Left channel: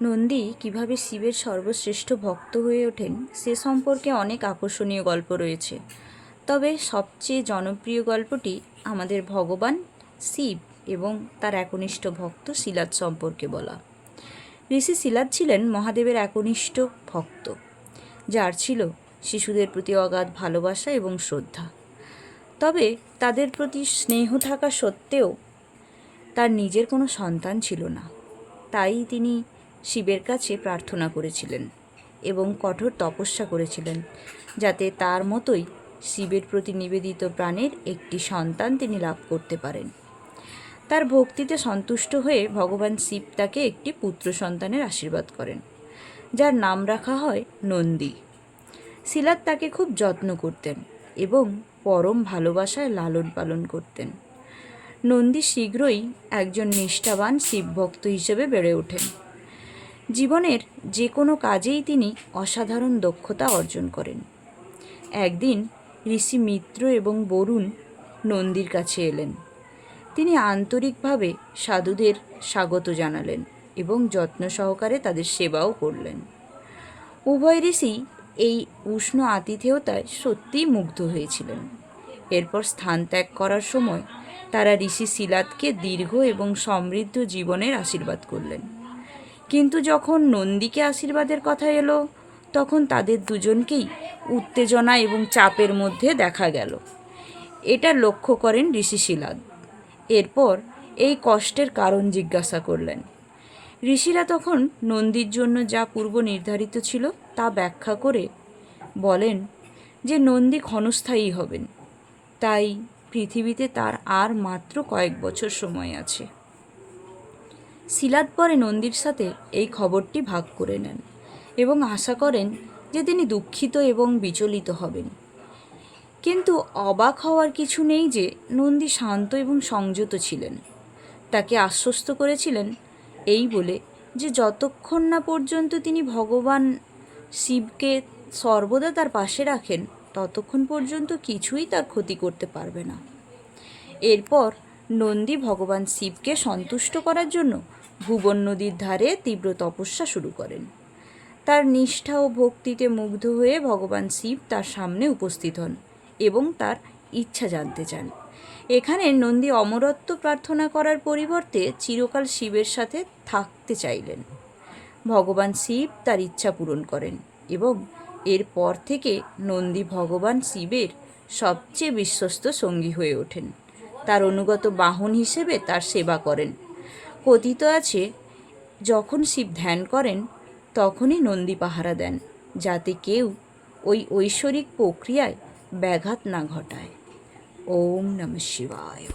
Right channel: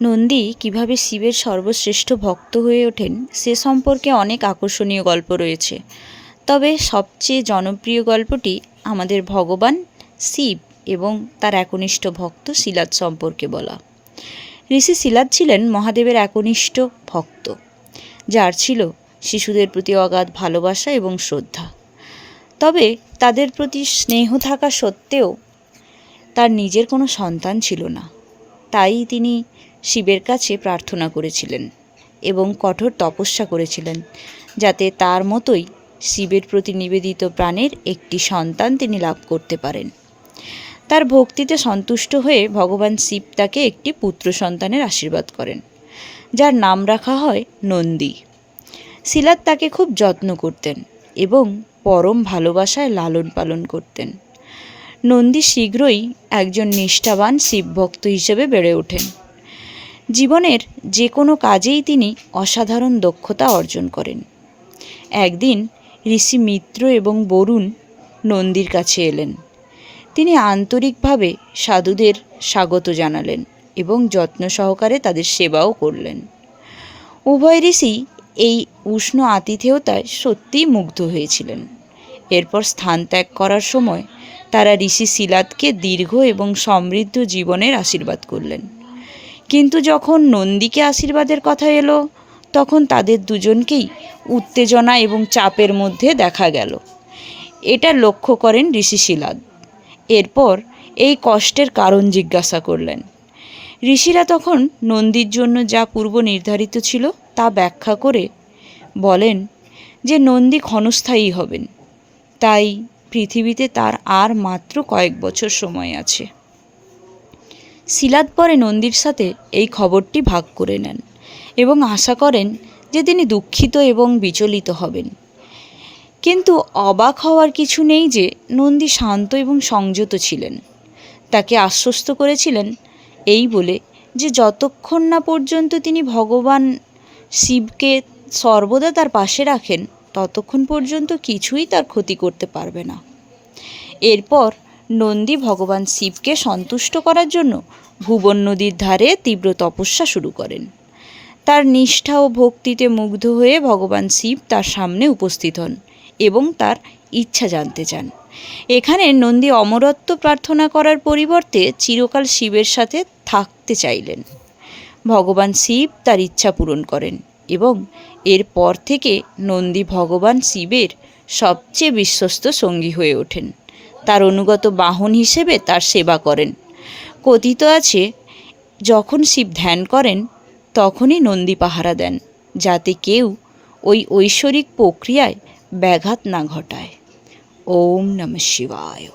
নন্দী কীভাবে শিবের সর্বশ্রেষ্ঠ ভক্ত হয়ে ওঠেন সে সম্পর্কে অনেক আকর্ষণীয় গল্প রয়েছে। তবে সবচেয়ে জনপ্রিয় গল্পটি আমাদের ভগবান, শিব এবং তার একনিষ্ঠ ভক্ত শিলাদ সম্পর্কে বলা। ঋষি শিলাদ ছিলেন মহাদেবের একনিষ্ঠ ভক্ত, যার ছিল শিশুদের প্রতি অগাধ ভালোবাসা এবং শ্রদ্ধা। তবে তাদের প্রতি স্নেহ থাকা সত্ত্বেও তার নিজের কোনো সন্তান ছিল না। তাই তিনি শিবের কাছে প্রার্থনা করেছিলেন এবং কঠোর তপস্যা করেছিলেন, যাতে তার মতোই শিবের প্রতি নিবেদিত প্রাণের একটি সন্তান তিনি লাভ করতে পারেন। তার ভক্তিতে সন্তুষ্ট হয়ে ভগবান শিব তাকে একটি পুত্র সন্তানের আশীর্বাদ করেন, যার নাম রাখা হয় নন্দী। শিলাদ তাকে খুব যত্ন করতেন এবং পরম ভালোবাসায় লালন পালন করতেন। নন্দী শীঘ্রই একজন নিষ্ঠাবান শিবভক্ত হিসেবে বেড়ে ওঠেন। জীবনের যে কোনো কাজেই তিনি অসাধারণ দক্ষতা অর্জন করেন। একদিন ঋষি মিত্র এবং বরুণ নন্দীর কাছে এলেন। তিনি আন্তরিকভাবে সাধুদের স্বাগত জানালেন এবং যত্ন সহকারে তাদের সেবাও করলেন। উভয় ঋষি এই উষ্ণ আতিথেয়তায় সত্যিই মুগ্ধ হয়েছিলেন। এরপর স্থান ত্যাগ করার সময় তারা ঋষি শিলাদকে দীর্ঘ এবং সমৃদ্ধ জীবনের আশীর্বাদ করলেন। কিন্তু যখন নন্দীকে আশীর্বাদের কথা এলো, তখন তাদের দুজনকেই উত্তেজনা এবং চাপের মধ্যে দেখা গেল। এটা লক্ষ্য করেন ঋষি শিলাদ। এরপর এই কষ্টের কারণ জিজ্ঞাসা করলেন। ঋষিরা তখন নন্দীর জন্য যা পূর্ব নির্ধারিত ছিল তা ব্যাখ্যা করে বলেন যে নন্দী ক্ষণস্থায়ী হবেন। তাই পৃথিবীতে তার আর মাত্র কয়েক বছর সময় আছে। শিলাদ পরে নন্দীর সাথে এই খবরটি ভাগ করে নেন এবং আশা করেন যে তিনি দুঃখিত এবং বিচলিত হবেন। কিন্তু অবাক হওয়ার কিছু নেই যে নন্দী শান্ত এবং সংযত ছিলেন। তাকে আশ্বস্ত করেছিলেন এই বলে যে যতক্ষণ না পর্যন্ত তিনি ভগবান শিবকে সর্বদা তার পাশে রাখেন, ততক্ষণ পর্যন্ত কিছুই তার ক্ষতি করতে পারবে না। এরপর নন্দী ভগবান শিবকে সন্তুষ্ট করার জন্য ভুবন নদীর ধারে তীব্র তপস্যা শুরু করেন। তার নিষ্ঠা ও ভক্তিতে মুগ্ধ হয়ে ভগবান শিব তার সামনে উপস্থিত হন এবং তার ইচ্ছা জানতে চান। এখানে নন্দী অমরত্ব প্রার্থনা করার পরিবর্তে চিরকাল শিবের সাথে থাকতে চাইলেন। ভগবান শিব তার ইচ্ছা পূরণ করেন এবং এরপর থেকে নন্দী ভগবান শিবের সবচেয়ে বিশ্বস্ত সঙ্গী হয়ে ওঠেন। তার অনুগত বাহন হিসেবে তার সেবা করেন। কথিত আছে, যখন শিব ধ্যান করেন, তখনই নন্দী পাহারা দেন, যাতে কেউ ওই ঐশ্বরিক প্রক্রিয়ায় ব্যাঘাত না ঘটায়। ওম নম শিবায়।